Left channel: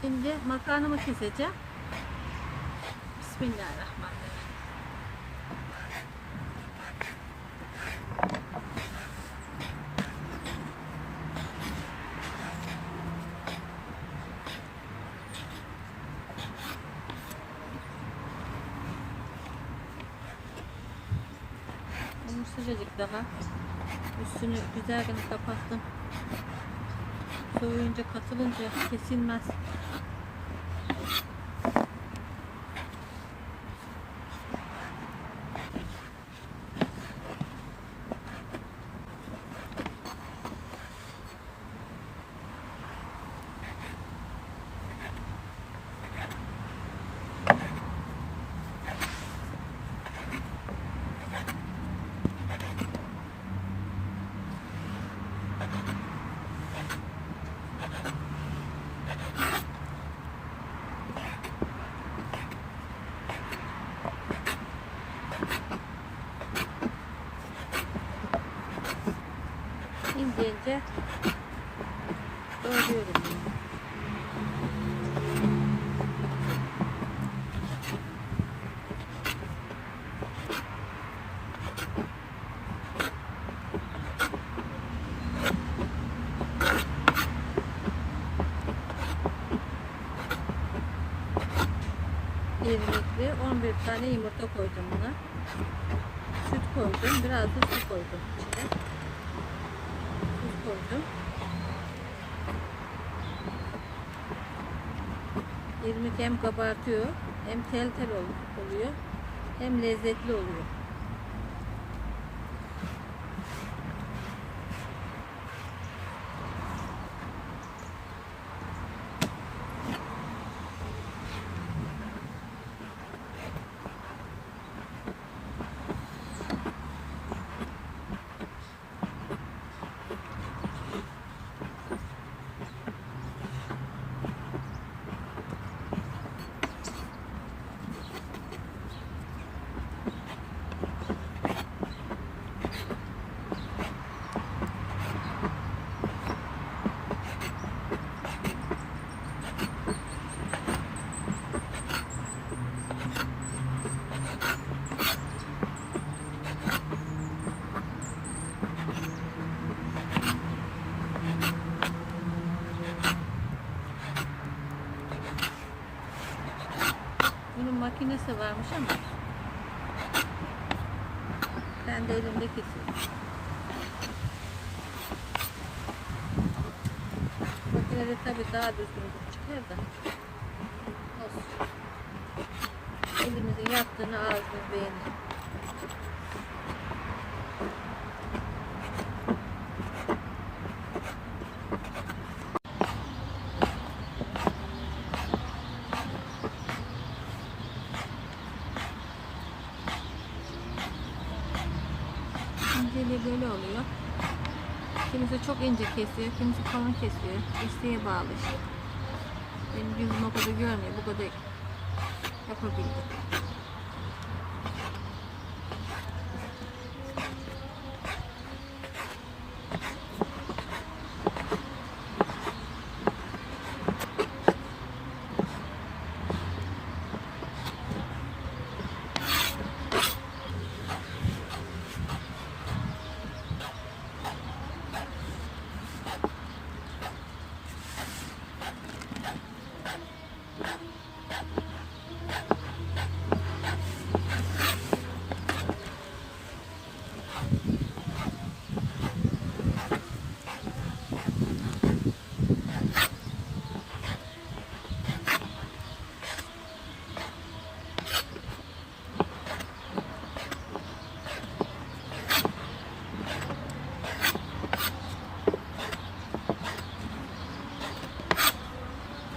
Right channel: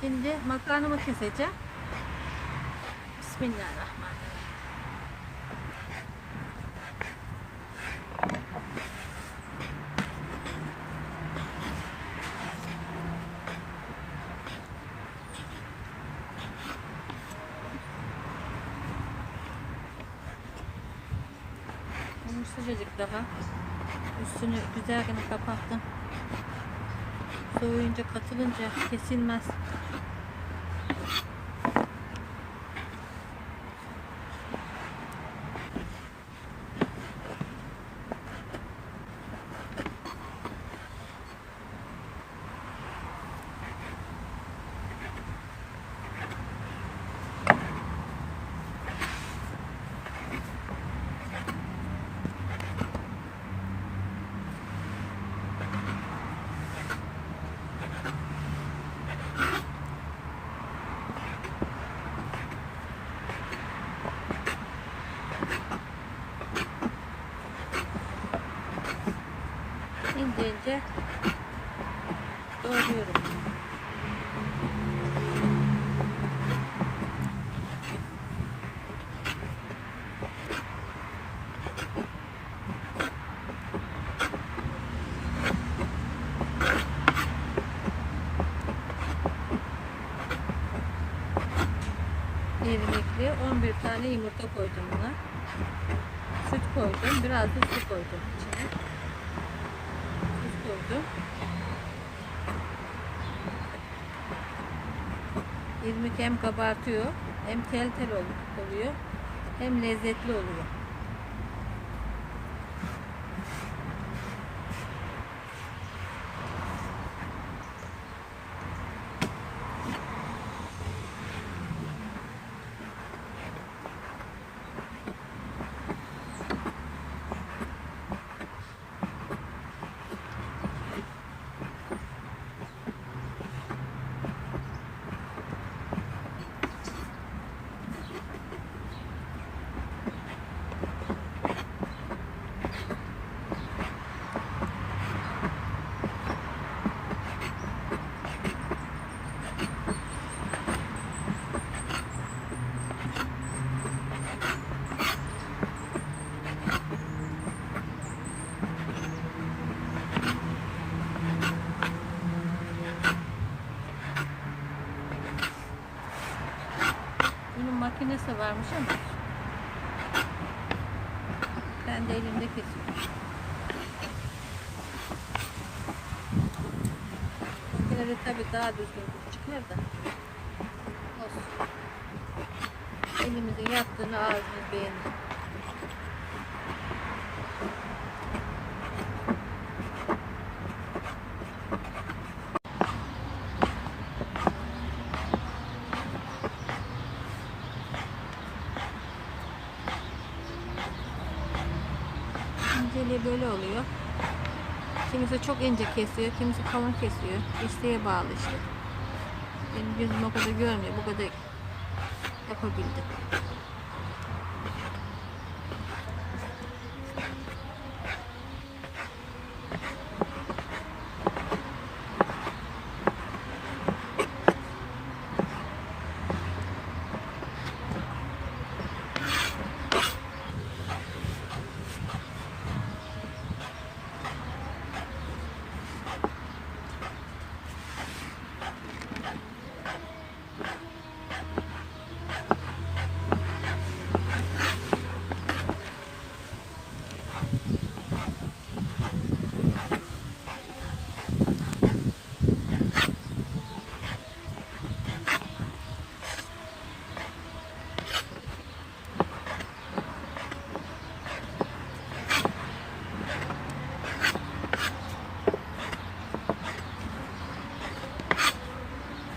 Şimdi makarnamı keseceğim. Bismillahirrahmanirrahim. Bunu sıcacık daha. Üstünü güzelce kapattım. Soğuyunca, katılınca kesilmez. İnce ince doğruyorum. İrmikli 11 tane yumurta koydum buna. Süt koydum. Biraz da su koydum içine. Süt koydum. İrmik hem kabartıyor, hem tel tel oluyor, hem lezzetli oluyor. Bunun makinesi varmış ama ben de elimde kesiyorum. Makinede tabii daha düzgün çıkıyor da olsun. Elimizin yaptığını ağzını beğenin. İnceliği böyle oluyor. Kimisi çok ince kesiyor, kimisi kalın kesiyor. İsteğe bağlı işte. Benim gözüm o kadar görmüyor, bu kadar yapabildim.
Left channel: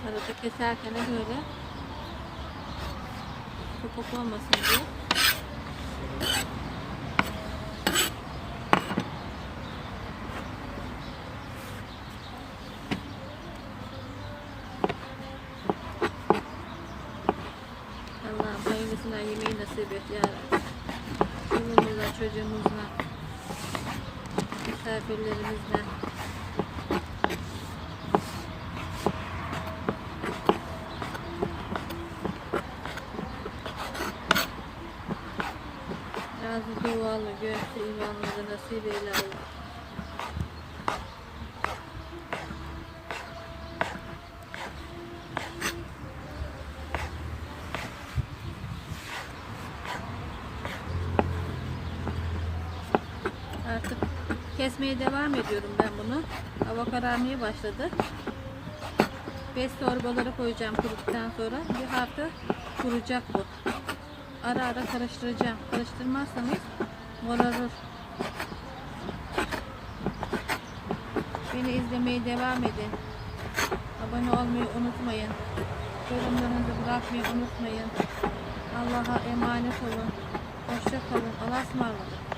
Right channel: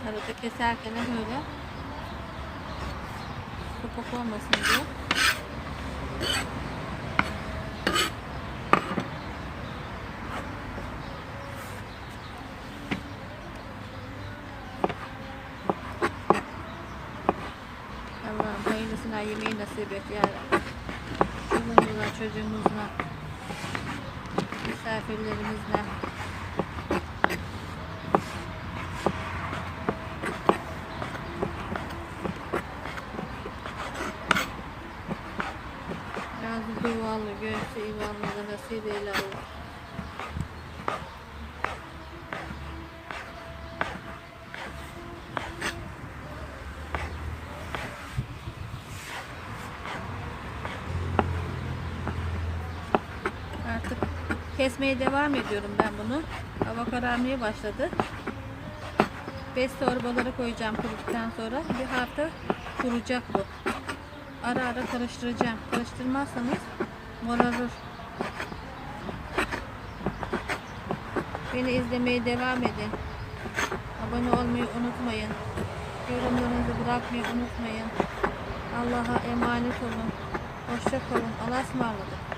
Arada keserken böyle topak olmasın diye Allah'ım hayırlısına yemeği nasip et ya Rabbi. Bizimle, çocuğumuzla, misafirlerimizle devamını nasip eyle Allah. Artık kesmeye devam ediyorum ben bunu. Hava kararmaya başladı. 5 torbalara koyacağım kuruduktan sonra. Bir hafta kuracak bu. Ara ara karıştıracağım. Karıştırmazsanız morarır. Beni izlemeye devam edin. Abone olmayı unutmayın. Yorumlarınızı bırakmayı unutmayın. Allah'a emanet olun. Hoşça kalın. Allah'a ısmarladık.